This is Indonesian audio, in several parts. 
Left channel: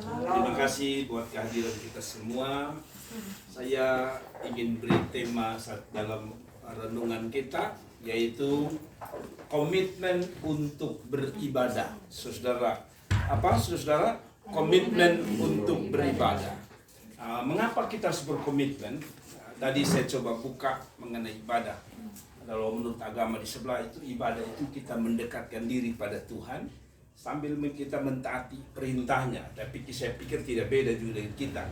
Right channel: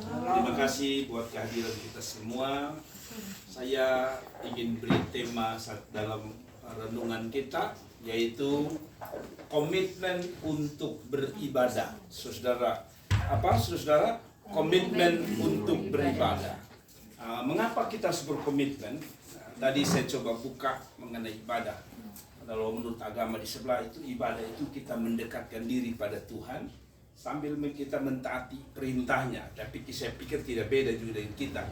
Terima kasih buat kehadiran kita semua. Saya ingin beri tema dalam renungan kita, yaitu komitmen untuk beribadah. Saudara, apa saudara? Komitmen untuk beribadah. Mengapa kita harus berkomitmen? Tadi saya coba buka mengenai ibadah. Kalau menurut agama di sebelah itu, ibadah itu kita mendekatkan diri pada Tuhan sambil kita mentaati perintahnya. Tapi saya pikir tidak beda juga dengan kita.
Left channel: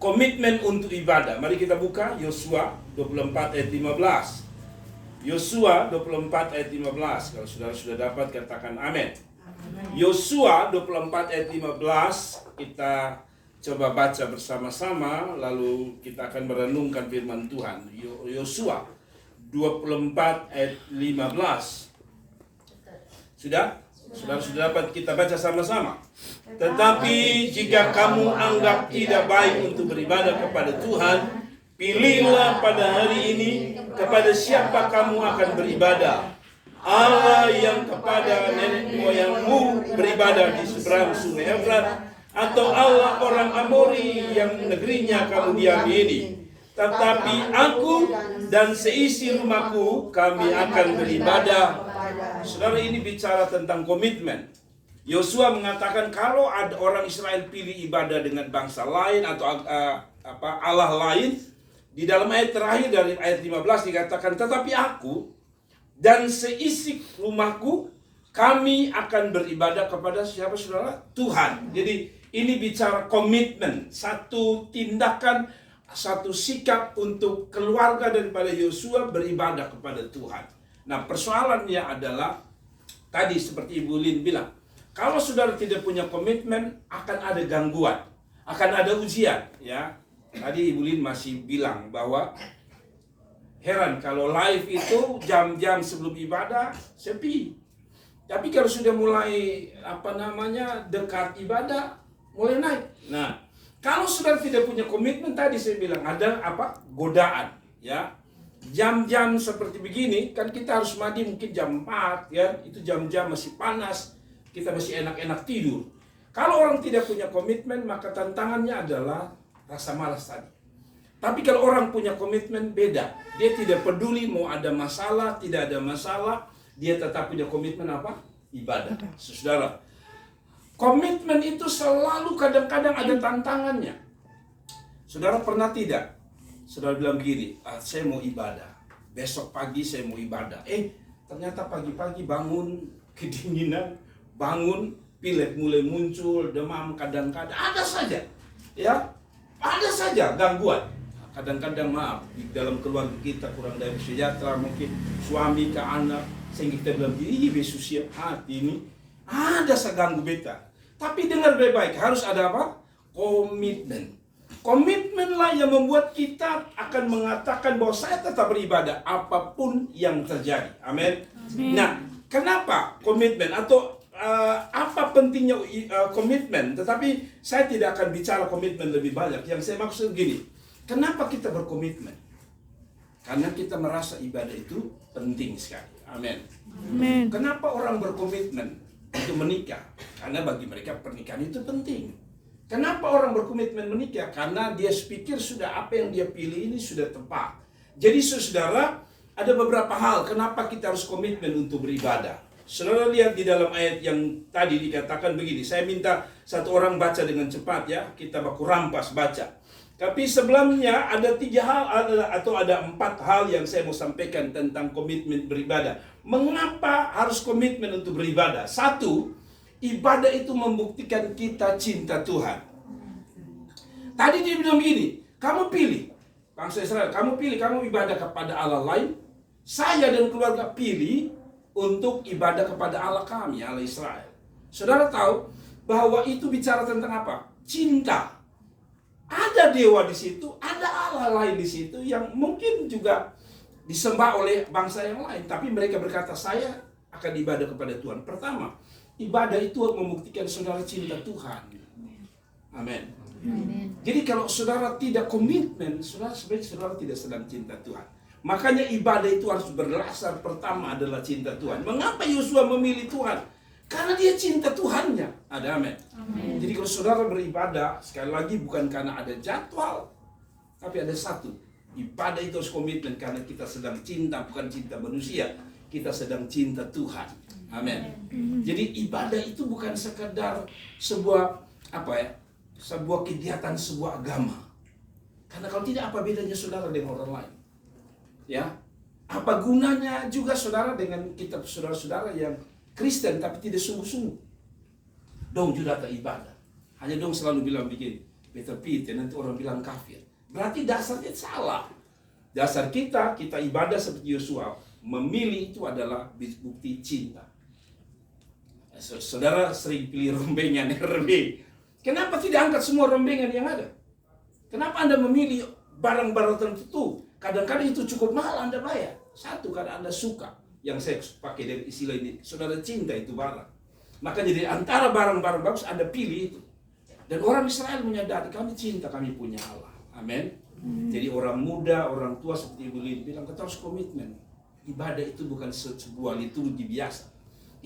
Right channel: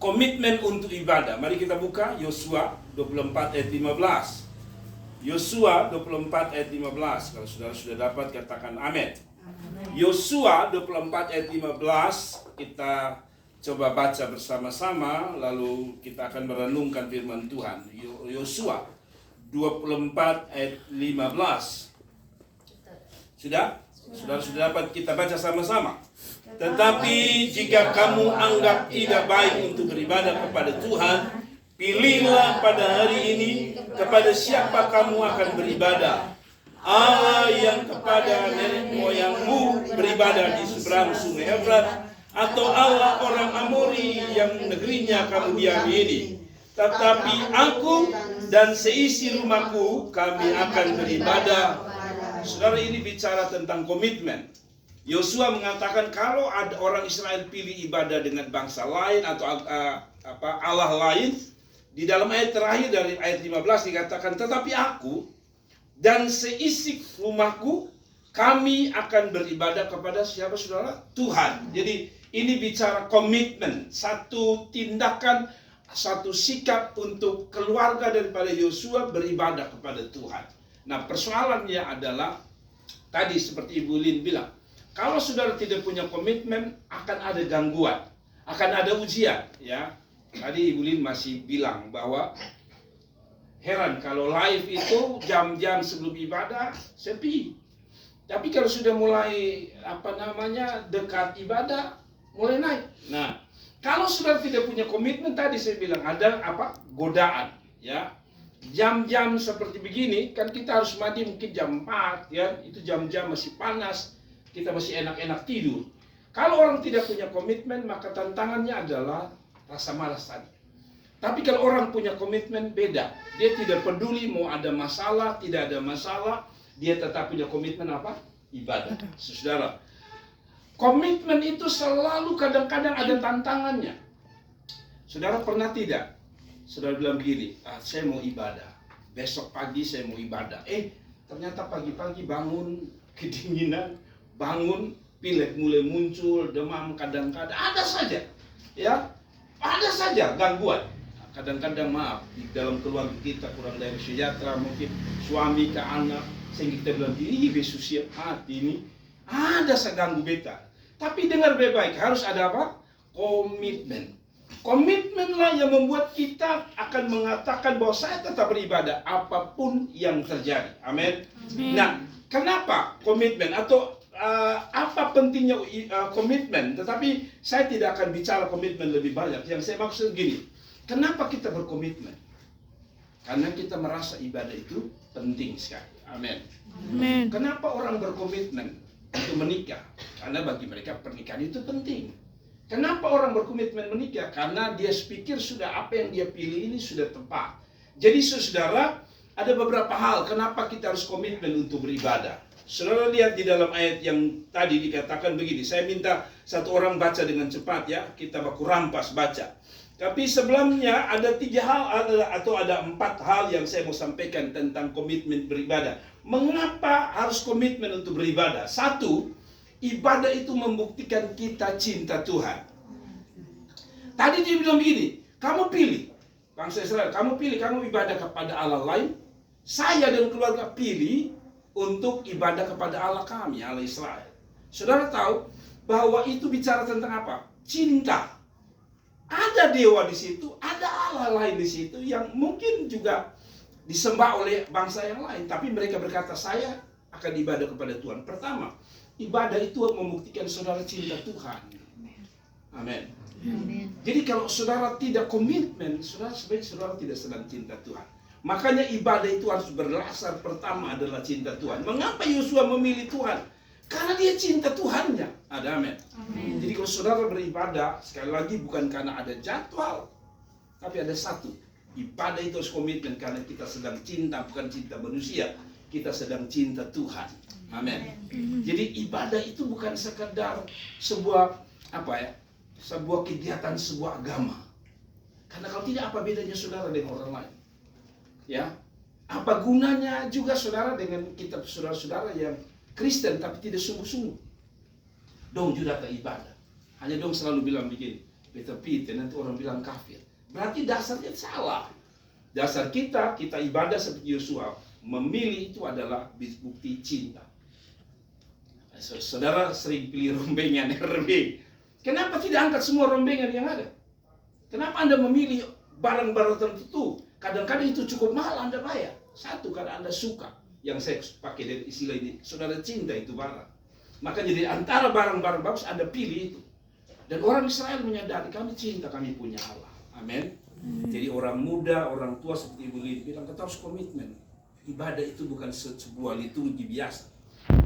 Komitmen untuk ibadah. Mari kita buka Yosua 24 ayat 15. Yosua 24 ayat 15. Kalau saudara sudah dapat, katakan amin. Yosua 24 ayat 15. Kita coba baca bersama-sama, lalu kita akan merenungkan firman Tuhan. Yosua 24 ayat 15. Sudah? Saudara sudah dapat, kita baca sama-sama. Tetapi jika kamu anggap tidak baik untuk beribadah kepada Tuhan, pilihlah pada hari ini kepada siapa kamu akan beribadah. Allah yang kepada nenek moyangmu beribadah di seberang sungai Efrat, atau Allah orang Amori yang negerinya kamu diami ini. Tetapi aku dan seisi rumahku, kami akan beribadah. Saudara, ini bicara tentang komitmen. Yosua mengatakan kalau ada orang Israel pilih ibadah dengan bangsa lain atau Allah lain, di dalam ayat terakhir dari ayat 15 dikatakan, tetapi aku dan seisi rumahku, kami akan beribadah kepada siapa, saudara? Tuhan. Jadi ini bicara komitmen, satu tindakan, satu sikap untuk keluarga daripada Yosua beribadah kepada Tuhan. Nah, persoalannya adalah tadi seperti Ibu Lin bilang, kalau saudara tidak punya komitmen, akan ada gangguan, akan ada ujian, ya. Tadi Ibu Lin masih bilang bahwa heran kalau live itu jam-jam sebelum ibadah sepi. Tapi kalau sudah mulai dekat ibadah, mulai naik. Nah, kalau sudah tidak punya komitmen, tadi saya bilang ada godaan, ya. Jam-jam seperti begini kan kita harus mandi mungkin jam 4, ya. Itu jam-jam masih panas, kita masih enak-enak tidur. Kalau orang tidak punya komitmen, maka tantangannya adalah rasa malas tadi. Tapi kalau orang punya komitmen, beda. Dia tidak peduli mau ada masalah, tidak ada masalah, dia tetap punya komitmen ibadah. Saudara, komitmen itu selalu kadang-kadang ada tantangannya. Saudara pernah tidak? Saudara bilang begini, saya mau ibadah. Besok pagi saya mau ibadah. Ternyata pagi-pagi bangun, kedinginan, bangun, pilek mulai muncul, demam kadang-kadang. Ada saja, ya. Ada saja gangguan. Kadang-kadang maaf, di dalam keluarga kita kurang dari sejahtera, mungkin suami ke anak, sehingga kita bilang, Yesus siap hati ini. Ada seganggu beta. Tapi dengar baik-baik, harus ada komitmen. Komitmenlah yang membuat kita akan mengatakan bahwa saya tetap beribadah apapun yang terjadi. Amin. Nah, kenapa komitmen atau apa pentingnya komitmen? Tetapi saya tidak akan bicara komitmen lebih banyak. Yang saya maksud gini, kenapa kita berkomitmen? Karena kita merasa ibadah itu penting sekali. Amin. Kenapa orang berkomitmen untuk menikah? Karena bagi mereka pernikahan itu penting. Kenapa orang berkomitmen menikah? Karena dia pikir sudah apa yang dia pilih ini sudah tepat. Jadi saudara, ada beberapa hal kenapa kita harus komitmen untuk beribadah. Saudara lihat di dalam ayat yang tadi dikatakan begini. Saya minta satu orang baca dengan cepat, ya. Kita baku rampas baca. Tapi sebelumnya ada 3 hal atau ada 4 hal yang saya mau sampaikan tentang komitmen beribadah. Mengapa harus komitmen untuk beribadah? 1, ibadah itu membuktikan kita cinta Tuhan. Tadi dia bilang begini, kamu pilih, bangsa Israel, kamu pilih, kamu ibadah kepada Allah lain. Saya dan keluarga pilih untuk ibadah kepada Allah kami, Allah Israel. Saudara tahu bahwa itu bicara tentang apa? Cinta. Ada dewa di situ, ada Allah lain di situ yang mungkin juga disembah oleh bangsa yang lain. Tapi mereka berkata, saya akan ibadah kepada Tuhan. Pertama, ibadah itu membuktikan saudara cinta Tuhan. Amin. Jadi kalau saudara tidak komitmen, sebenarnya saudara tidak sedang cinta Tuhan. Makanya ibadah itu harus berdasar pertama adalah cinta Tuhan. Mengapa Yosua memilih Tuhan? Karena dia cinta Tuhannya. Ada amin. Jadi kalau saudara beribadah, sekali lagi bukan karena ada jadwal, tapi ada satu. Ibadah itu harus komitmen karena kita sedang cinta, bukan cinta manusia. Kita sedang cinta Tuhan. Amin. Jadi ibadah itu bukan sekedar sebuah sebuah kegiatan, sebuah agama. Karena kalau tidak, apa bedanya saudara dengan orang lain? Ya, apa gunanya juga saudara dengan kita saudara-saudara yang Kristen tapi tidak sungguh-sungguh? Dong juga ke ibadah. Hanya dong selalu bilang begini, Peter, nanti orang bilang kafir. Berarti dasarnya salah. Dasar kita ibadah seperti Yosua, memilih itu adalah bukti cinta. Saudara sering pilih rombengan RB. Kenapa tidak angkat semua rombengan yang ada? Kenapa Anda memilih barang-barang tertentu? Kadang-kadang itu cukup mahal Anda bayar. Satu, karena Anda suka. Yang saya pakai dari istilah ini, saudara cinta itu barang. Maka jadi antara barang-barang bagus Anda pilih itu. Dan orang Israel menyadari kami cinta, kami punya Allah. Amin. Jadi orang muda, orang tua seperti Ibu Lin bilang, kita harus komitmen. Ibadah itu bukan sebuah liturgi biasa.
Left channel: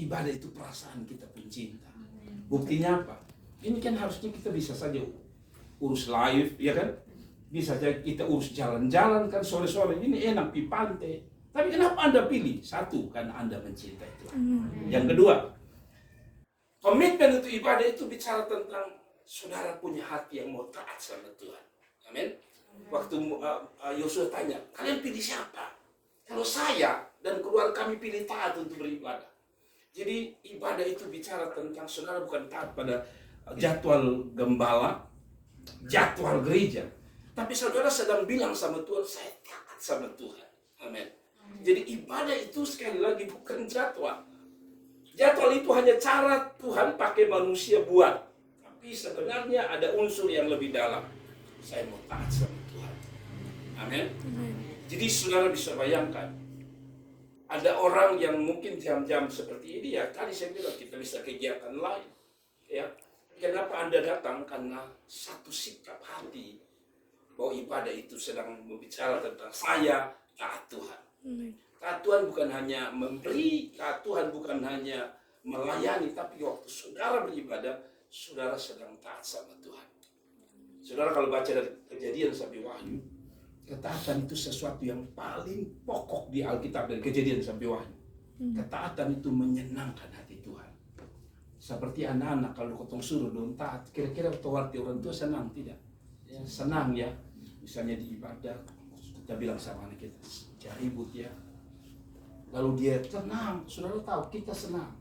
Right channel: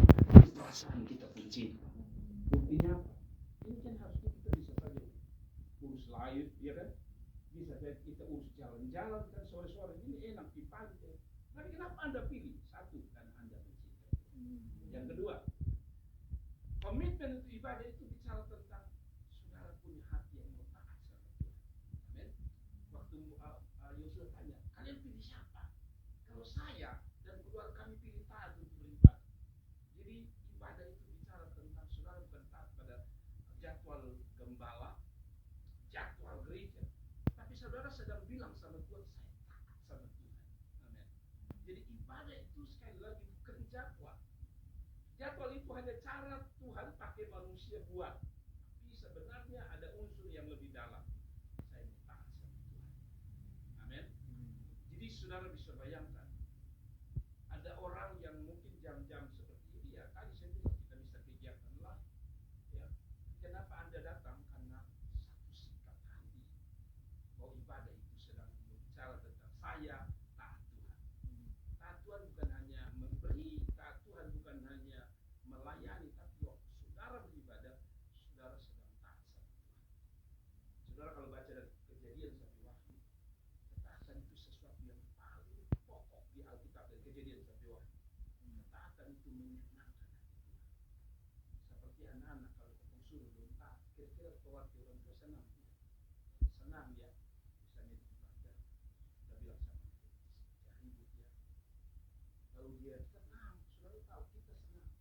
Ibadah itu perasaan kita pun cinta. Buktinya apa? Ini kan harusnya kita bisa saja urus live, ya kan? Bisa saja kita urus jalan-jalan kan, sore-sore ini enak di pantai. Tapi kenapa Anda pilih? Satu, karena Anda mencintai Tuhan. Yang kedua, komitmen untuk ibadah itu bicara tentang saudara punya hati yang mau taat sama Tuhan. Amin. Waktu Yosua tanya, kalian pilih siapa? Kalau saya dan keluarga kami pilih taat untuk beribadah. Jadi ibadah itu bicara tentang saudara bukan taat pada jadwal gembala, jadwal gereja. Tapi saudara sedang bilang sama Tuhan, saya taat sama Tuhan. Amin. Jadi ibadah itu sekali lagi bukan jadwal. Jadwal itu hanya cara Tuhan pakai manusia buat. Tapi sebenarnya ada unsur yang lebih dalam. Saya mau taat sama Tuhan. Amin. Jadi saudara bisa bayangkan, ada orang yang mungkin jam-jam seperti ini, ya tadi saya bilang kita bisa kegiatan lain. Ya, kenapa Anda datang? Karena satu sikap hati bahwa ibadah itu sedang berbicara tentang saya taat Tuhan. Taat Tuhan bukan hanya memberi, taat Tuhan bukan hanya melayani, tapi waktu saudara beribadah, saudara sedang taat sama Tuhan. Saudara kalau baca dari Kejadian sampai Wahyu, ketaatan itu sesuatu yang paling pokok di Alkitab, dari Kejadian sampai Wahyu. Ketaatan itu menyenangkan hati Tuhan. Seperti anak-anak kalau kotong suruh dong taat, kira-kira hati orang tua senang tidak? Ya, senang ya. Misalnya di ibadah, kita bilang sama anak kita, jangan ribut ya. Lalu dia tenang, saudara tahu kita senang.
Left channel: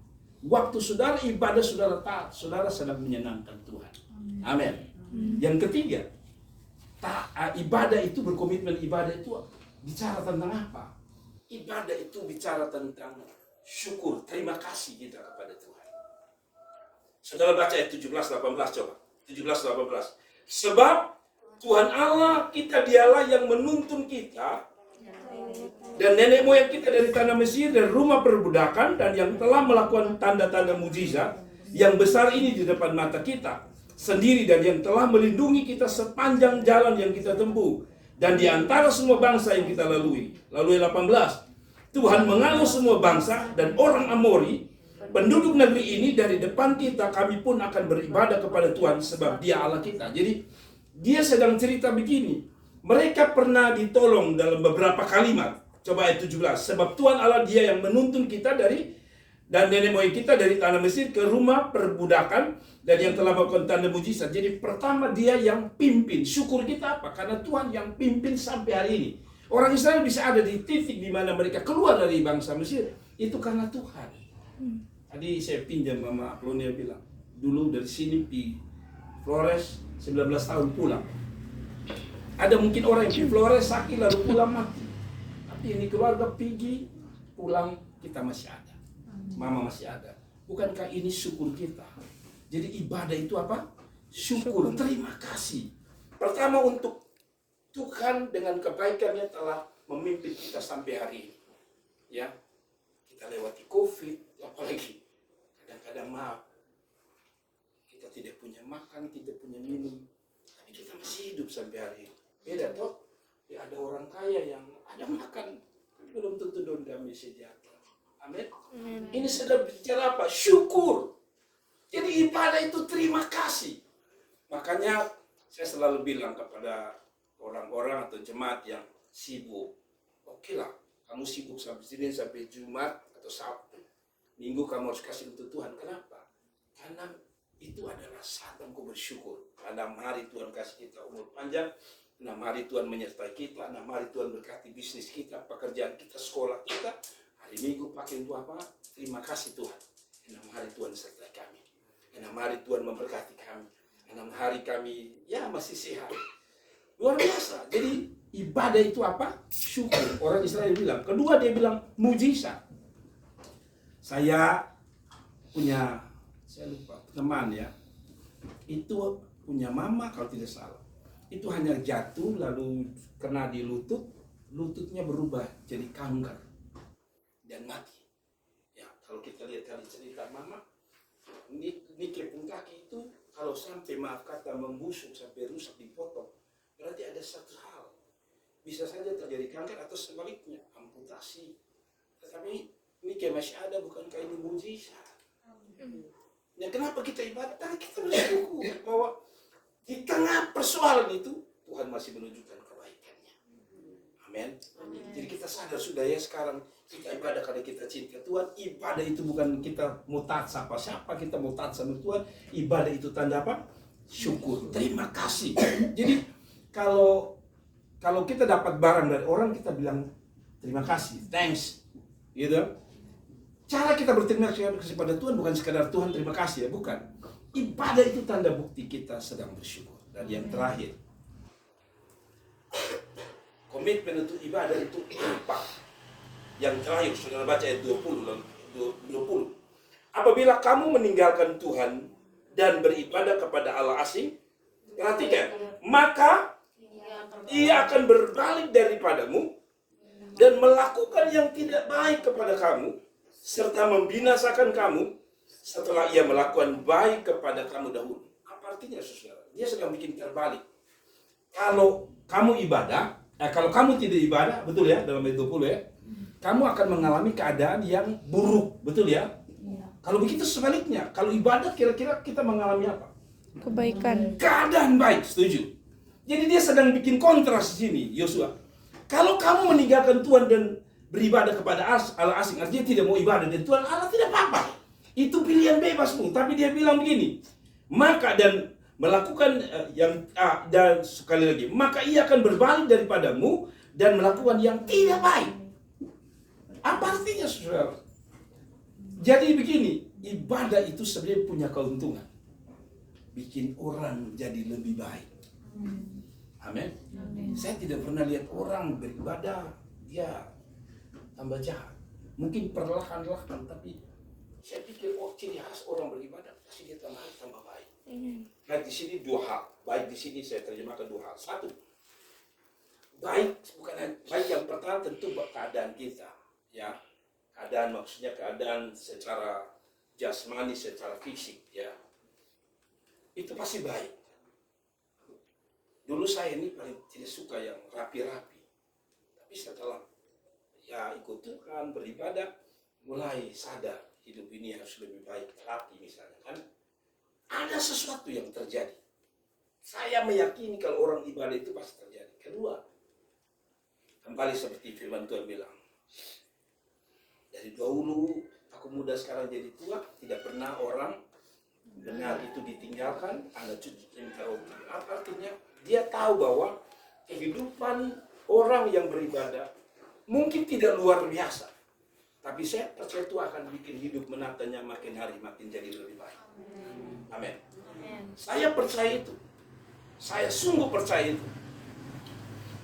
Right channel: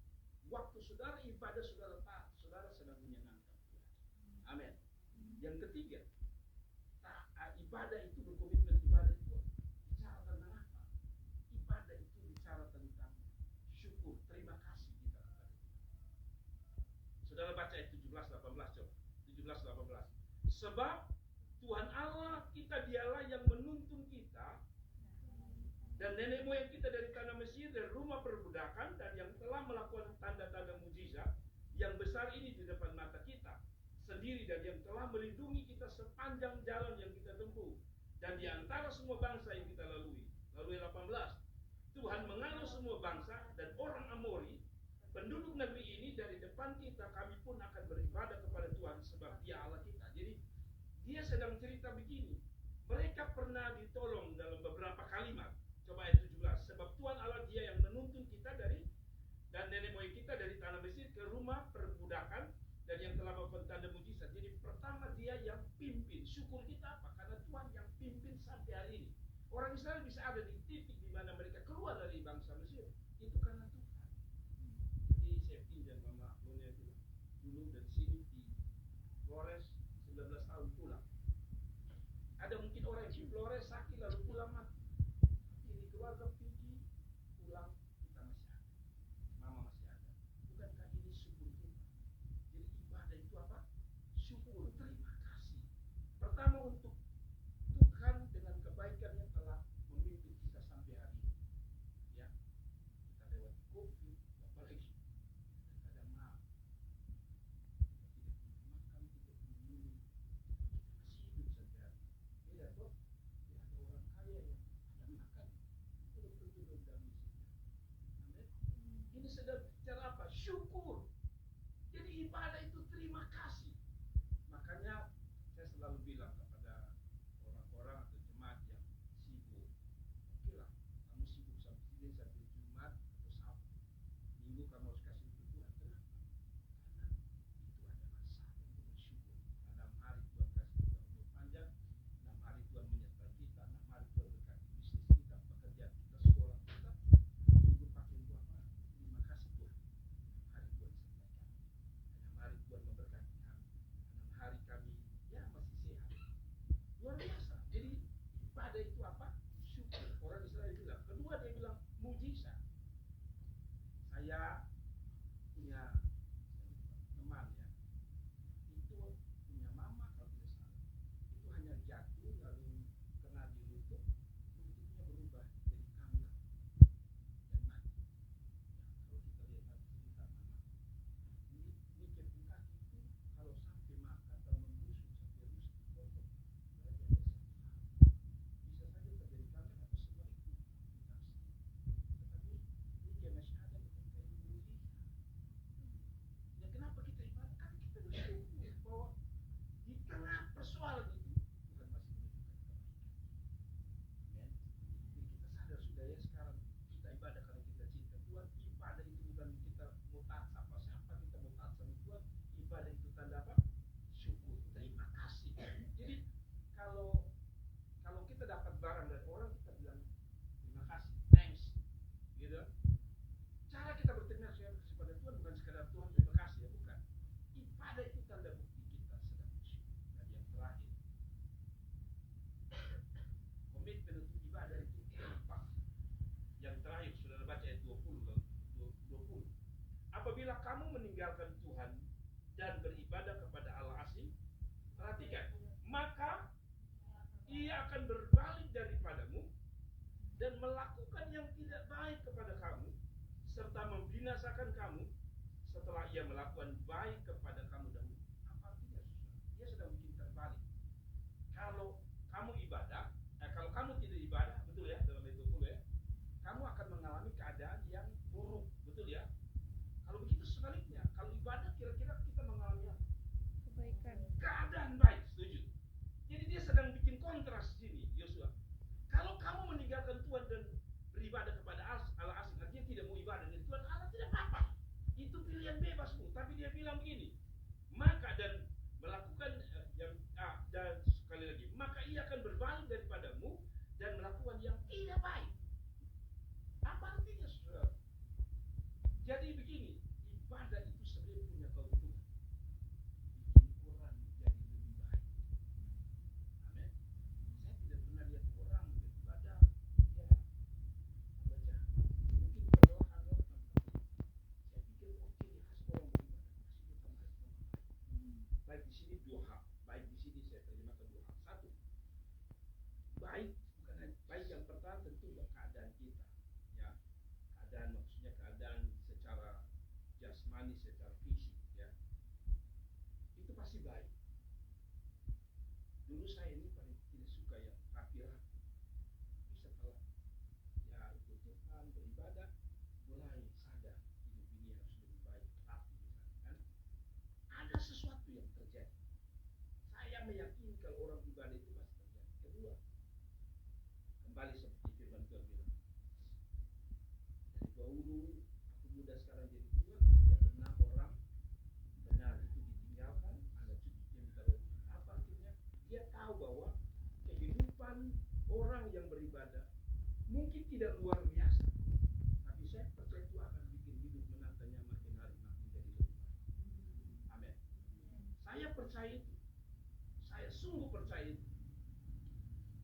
Waktu saudara ibadah, saudara taat, saudara sedang menyenangkan Tuhan. Amin. Yang ketiga, ibadah itu berkomitmen, ibadah itu bicara tentang apa? Ibadah itu bicara tentang syukur, terima kasih kita kepada Tuhan. Saudara baca ayat 17-18 coba. 17-18. Sebab Tuhan Allah kita dialah yang menuntun kita dan nenek moyang kita dari tanah Mesir dan rumah perbudakan, dan yang telah melakukan tanda-tanda mujizat yang besar ini di depan mata kita sendiri, dan yang telah melindungi kita sepanjang jalan yang kita tempuh dan di antara semua bangsa yang kita lalui. Lalu 18, Tuhan mengalah semua bangsa dan orang Amori penduduk negeri ini dari depan kita, kami pun akan beribadah kepada Tuhan sebab Dia Allah kita. Jadi dia sedang cerita begini, mereka pernah ditolong dalam beberapa kalimat. Coba ayat 17, sebab Tuhan Allah Dia yang menuntun kita dan nenek moyang kita dari tanah Mesir ke rumah perbudakan, dan yang telah melakukan tanda mujizat. Jadi pertama dia yang pimpin. Syukur kita apa? Karena Tuhan yang pimpin sampai hari ini. Orang Israel bisa ada di titik di mana mereka keluar dari bangsa Mesir, itu karena Tuhan. Tadi saya pinjam sama Aplonia bilang, dulu dari sini di Flores 19 tahun pulang. Ada mungkin orang yang di Flores sakit lalu pulang mati. Tapi ini keluarga pergi pulang, kita masih ada. Mama masih ada. Bukankah ini syukur kita? Jadi ibadah itu apa? Syukur, terima kasih. Pertama untuk Tuhan dengan kebaikannya telah memimpin kita sampai hari ini. Ya, kita lewati COVID, apalagi kadang-kadang maaf, kita tidak punya makan, tidak punya minum, tapi kita masih hidup sampai hari ini. Beda toh? Ya ada orang kaya yang ada makan, belum tentu dong damai sejahtera. Amin. Ini sedang bicara apa? Syukur. Jadi ibadah itu terima kasih. Makanya saya selalu bilang kepada orang-orang atau jemaat yang sibuk, oke lah, kamu sibuk sampai Senin sampai Jumat atau Sabtu. Minggu kamu harus kasih untuk Tuhan. Kenapa? Karena itu adalah saat engkau bersyukur. 6 hari Tuhan kasih kita umur panjang, 6 hari Tuhan menyertai kita, 6 hari Tuhan berkati bisnis kita, pekerjaan kita, sekolah kita. Hari Minggu pakai untuk apa? Terima kasih Tuhan. 6 hari Tuhan sertai kami. 6 hari Tuhan memberkati kami. 6 hari kami ya masih sehat. Luar biasa. Jadi ibadah itu apa? Syukur. Orang Israel bilang. Kedua dia bilang mujizat. Saya lupa teman ya. Itu punya mama kalau tidak salah. Itu hanya jatuh lalu kena di lutut, lututnya berubah jadi kanker dan mati. Ya, kalau kita lihat dari cerita mama, ini kepung kaki itu kalau sampai maaf kata membusuk sampai rusak dipotong, berarti ada satu hal. Bisa saja terjadi kanker atau sebaliknya amputasi. Tetapi ini kayak masih ada, bukankah ini mujizat? Ya kenapa kita ibadah? Karena kita bersyukur bahwa di tengah persoalan itu Tuhan masih menunjukkan kebaikannya. Amin. Jadi kita sadar sudah ya sekarang kita ibadah karena kita cinta Tuhan. Ibadah itu bukan kita mau taat siapa-siapa, kita mau taat sama Tuhan. Ibadah itu tanda apa? Syukur. Terima kasih. Jadi kalau kita dapat barang dari orang, kita bilang terima kasih, thanks, gitu. Cara kita berterima kasih pada Tuhan bukan sekadar Tuhan terima kasih ya, bukan. Ibadah itu tanda bukti kita sedang bersyukur. Dan yang terakhir, komitmen untuk ibadah itu apa? Yang terakhir, saudara baca ayat 20. Apabila kamu meninggalkan Tuhan dan beribadah kepada Allah asing, perhatikan, maka ia akan berbalik daripadamu dan melakukan yang tidak baik kepada kamu, serta membinasakan kamu setelah ia melakukan baik kepada kamu dahulu. Apa artinya saudara? Dia sedang bikin terbalik. Kalau kamu ibadah, kalau kamu tidak ibadah, betul ya, dalam ayat 20 ya, kamu akan mengalami keadaan yang buruk, betul ya? Kalau begitu sebaliknya, kalau ibadah kira-kira kita mengalami apa? Kebaikan. Keadaan baik, setuju. Jadi dia sedang bikin kontras di sini, Yosua. Kalau kamu meninggalkan Tuhan dan beribadah kepada Allah asing, artinya tidak mau ibadah dan Tuhan Allah, tidak apa-apa. Itu pilihan bebasmu. Tapi dia bilang begini, maka dan melakukan dan sekali lagi, maka ia akan berbalik daripadamu dan melakukan yang tidak baik. Apa artinya saudara? Jadi begini, ibadah itu sebenarnya punya keuntungan, bikin orang jadi lebih baik. Amin. Saya tidak pernah lihat orang beribadah dia tambah jahat. Mungkin perlahan-lahan, tapi saya pikir ciri khas orang beribadah pasti dia tambah baik. Nah di sini dua hal. Baik di sini saya terjemahkan dua hal. Satu, baik bukan baik yang pertama tentu keadaan kita, ya. Keadaan maksudnya keadaan secara jasmani, secara fisik, ya. Itu pasti baik. Dulu saya ini paling tidak suka yang rapi-rapi. Tapi setelah ya ikut Tuhan, beribadah, mulai sadar hidup ini harus lebih baik, rapi misalnya kan. Ada sesuatu yang terjadi. Saya meyakini kalau orang ibadah itu pasti terjadi. Kedua, kembali seperti firman Tuhan bilang, dari dahulu aku muda sekarang jadi tua, tidak pernah orang dengar itu ditinggalkan, anak cucu minta roti. Apa artinya? Dia tahu bahwa kehidupan orang yang beribadah mungkin tidak luar biasa, tapi saya percaya itu akan bikin hidup menatanya makin hari makin jadi lebih baik. Amin. Saya percaya itu. Saya sungguh percaya itu.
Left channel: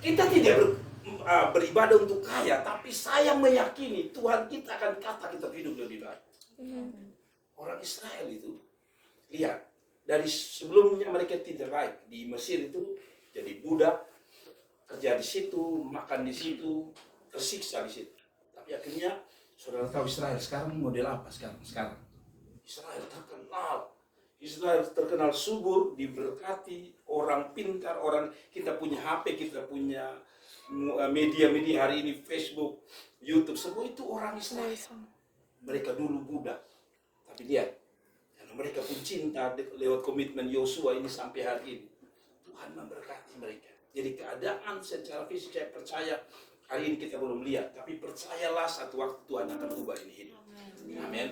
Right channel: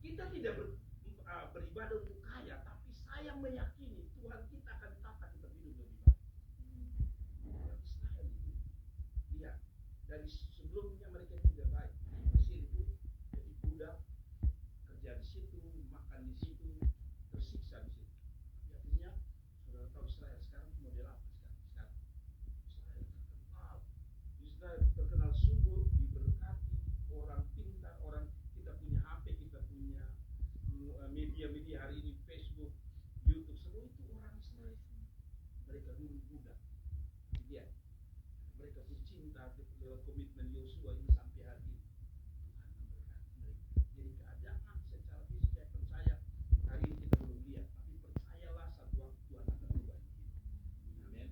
Kita tidak beribadah untuk kaya, tapi saya meyakini Tuhan kita akan kata kita hidup lebih baik. Orang Israel itu, lihat, dari sebelumnya mereka tidak baik. Di Mesir itu jadi budak, kerja di situ, makan di situ, tersiksa di situ. Tapi akhirnya, saudara tahu Israel sekarang model apa sekarang? Israel terkenal subur, diberkati, orang pintar, orang kita punya HP, kita punya media-media hari ini, Facebook, YouTube, semua itu orang Israel. mereka dulu budak. Tapi lihat, karena mereka pun cinta lewat komitmen Yosua ini sampai hari ini. Tuhan memberkati mereka. Jadi keadaan secara fisik saya percaya hari ini kita belum lihat, tapi percayalah satu waktu Tuhan akan ubah ini hidup. Amin.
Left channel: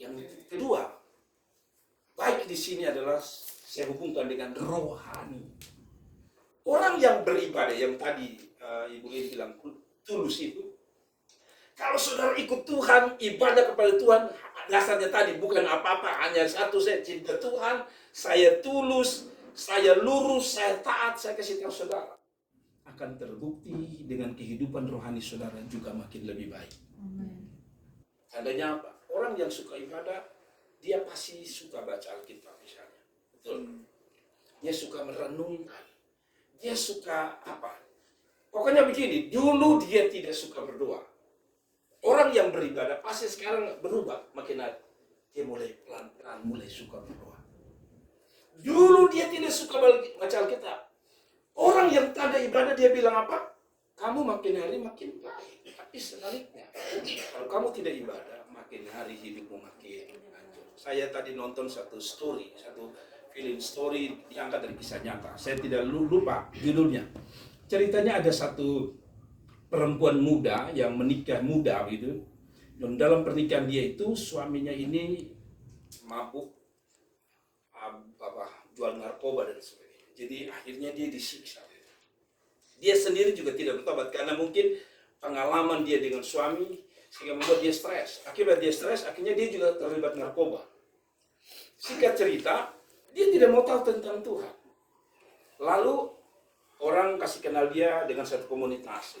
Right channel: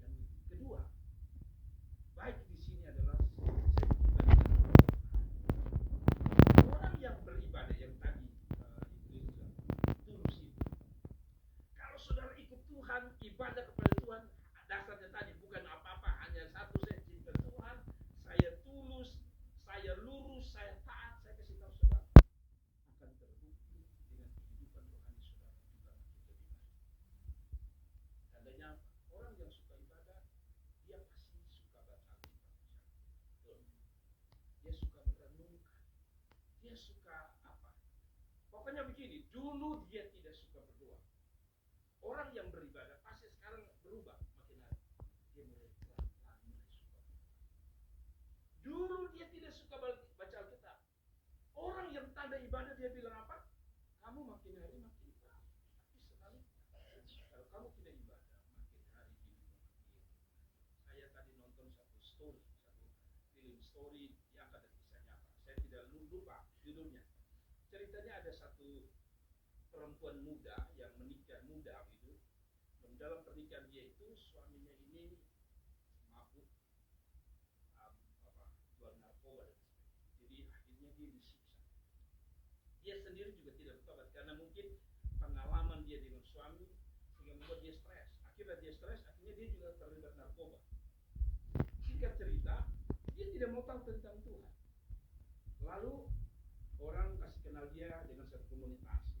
Yang kedua, baik di sini adalah saya hubungkan dengan rohani. Orang yang beribadah yang tadi Ibu Lin bilang tulus itu. Kalau saudara ikut Tuhan, ibadah kepada Tuhan, dasarnya tadi bukan apa-apa, hanya satu, saya cinta Tuhan, saya tulus, saya lurus, saya taat. Saya kasih tahu saudara, akan terbukti dengan kehidupan rohani saudara juga makin lebih baik. Tandanya apa? Orang yang suka ibadah, dia pasti suka baca Alkitab misalnya. Betul. Dia suka merenungkan. Dia suka apa? Pokoknya begini, dulu dia tidak suka berdoa. Orang yang beribadah pasti sekarang berubah makin hari. Dia mulai pelan-pelan mulai suka berdoa. Dulu dia tidak suka baca Alkitab. Orang yang tanda ibadah dia bilang apa? Kamu makin hari makin baik. Tapi sebaliknya, kalau kamu tidak ibadah, makin hari hidupmu makin hancur. Saya tadi nonton satu film story diangkat dari kisah nyata. Saya tidak lupa judulnya. Ceritanya ada satu perempuan muda yang menikah muda gitu. Dan dalam pernikahan dia itu suaminya ini mabuk, jual narkoba dan sebagainya. Jadi akhirnya dia disiksa. Dia sendiri juga tidak bertobat karena mungkin pengalaman dia dengan suami sehingga membuat dia stres. Akibat dia stres, akhirnya dia juga terlibat narkoba. Singkat cerita, dia tidak mau tahu tentang Tuhan. Lalu orang kasih kenal dia dengan satu komunitas.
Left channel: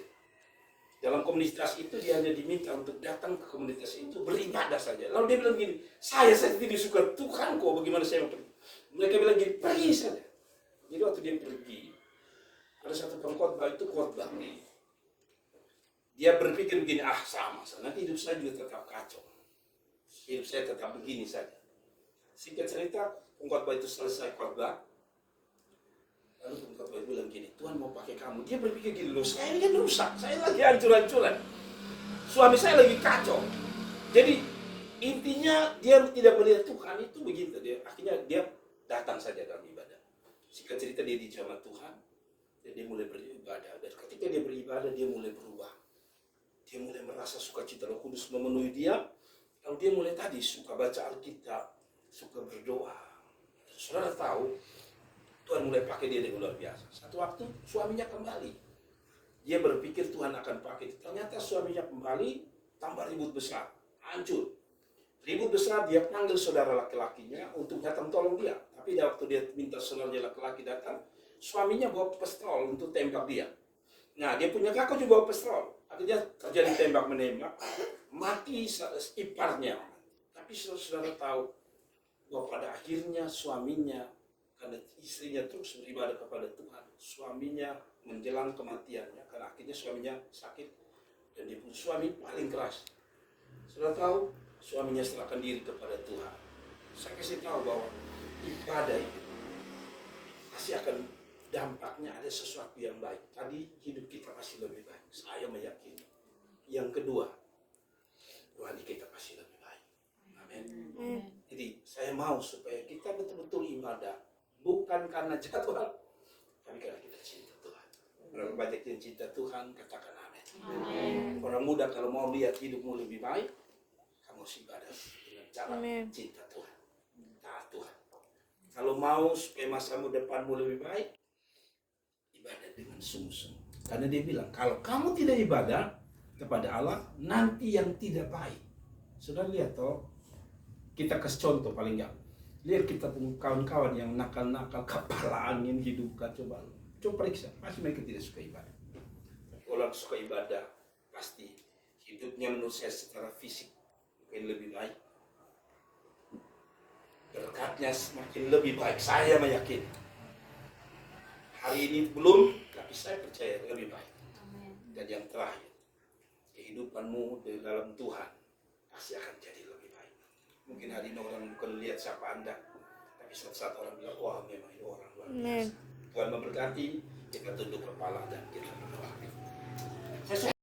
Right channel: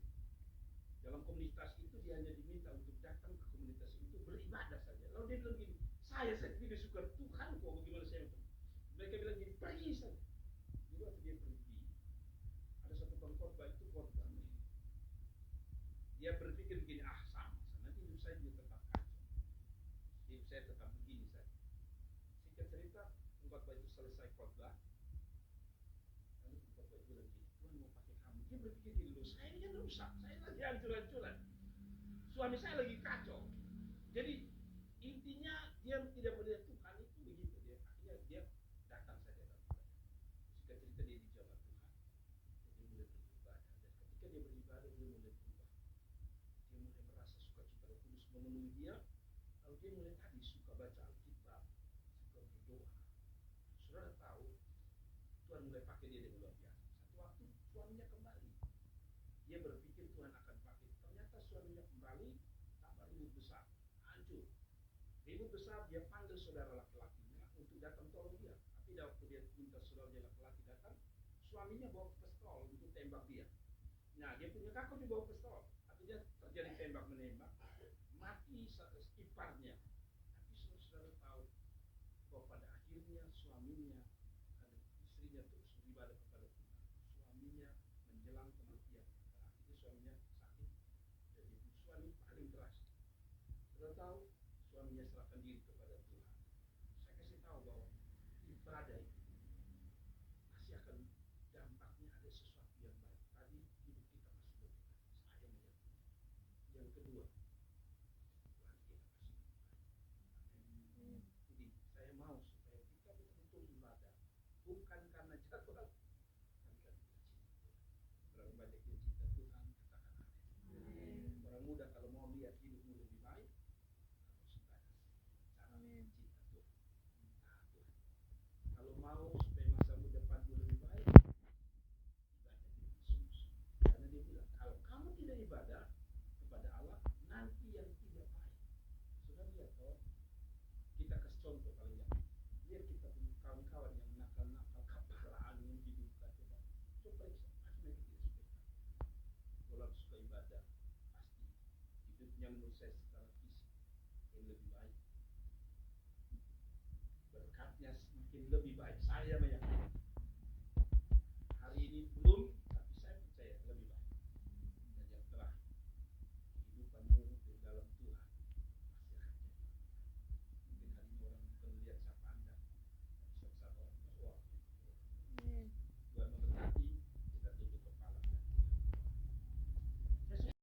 Dalam komunitas itu dia hanya diminta untuk datang ke komunitas itu beribadah saja. Lalu dia bilang gini, saya tidak suka Tuhan kok, bagaimana saya mau pergi? Mereka bilang gini, pergi saja. Jadi waktu dia pergi, ada satu pengkhotbah itu khotbah. Dia berpikir begini, sama, nanti hidup saya juga tetap kacau. Hidup saya tetap begini saja. Singkat cerita, pengkhotbah itu selesai khotbah. Lalu pengkhotbah itu bilang gini, Tuhan mau pakai kamu. Dia berpikir gini, loh saya ini kan rusak, saya lagi hancur-hancuran. Suami saya lagi kacau. Jadi intinya dia tidak melihat Tuhan itu begitu. Akhirnya dia datang saja dalam ibadah. Singkat cerita dia dijamah Tuhan. Dan dia mulai beribadah. Dan ketika dia beribadah dia mulai berubah. Dia mulai merasa sukacita Roh Kudus memenuhi dia. Lalu dia mulai tadi suka baca Alkitab, suka berdoa. Saudara tahu, Tuhan mulai pakai dia dengan luar biasa. Satu waktu suaminya kembali. Dia berpikir Tuhan akan pakai. Ternyata suaminya kembali, tambah ribut besar, hancur. Ribut besar, dia panggil saudara laki-lakinya untuk datang tolong dia. Tapi waktu dia minta saudaranya laki-laki datang, suaminya bawa pistol untuk tembak dia. Nah, dia punya kakak juga bawa pistol. Akhirnya terjadi tembak-menembak, mati iparnya. Tapi saudara tahu bahwa pada akhirnya suaminya, karena istrinya terus beribadah kepada Tuhan, suaminya menjelang kematiannya, karena akhirnya suaminya sakit dan dia pun suami paling keras. Saudara tahu, suaminya serahkan diri kepada Tuhan. Saya kasih tahu bahwa ibadah itu pasti akan dampaknya ada sesuatu yang baik. Tadi hidup kita pasti lebih baik. Saya meyakini. Yang kedua, rohani kita pasti lebih baik. Amin. Jadi saya mau supaya kita betul-betul ibadah bukan karena jadwal, tapi karena kita cinta Tuhan. Berapa banyak yang cinta Tuhan, katakan amin. Orang muda kalau mau lihat hidupmu lebih baik, kamu harus ibadah dengan cara cinta Tuhan, taat Tuhan. Kalau mau supaya masamu depanmu lebih baik, ibadah dengan sungguh-sungguh. Karena dia bilang, kalau kamu tidak ibadah kepada Allah, nanti yang tidak baik. Sudah lihat toh, kita kasih contoh paling enggak. Lihat kita punya kawan-kawan yang nakal-nakal, kepala angin, hidup kacau balau. Coba periksa, pasti mereka tidak suka ibadah. Orang suka ibadah, pasti hidupnya menurut saya secara fisik mungkin lebih baik. Berkatnya semakin lebih baik, saya meyakini. Hari ini belum, tapi saya percaya lebih baik. Dan yang terakhir, kehidupanmu di dalam Tuhan pasti akan jadi lebih baik. Mungkin hari ini orang bukan lihat siapa Anda, tapi suatu saat orang bilang, wah memang ini orang luar biasa. Tuhan memberkati, kita tunduk kepala dan kita berdoa.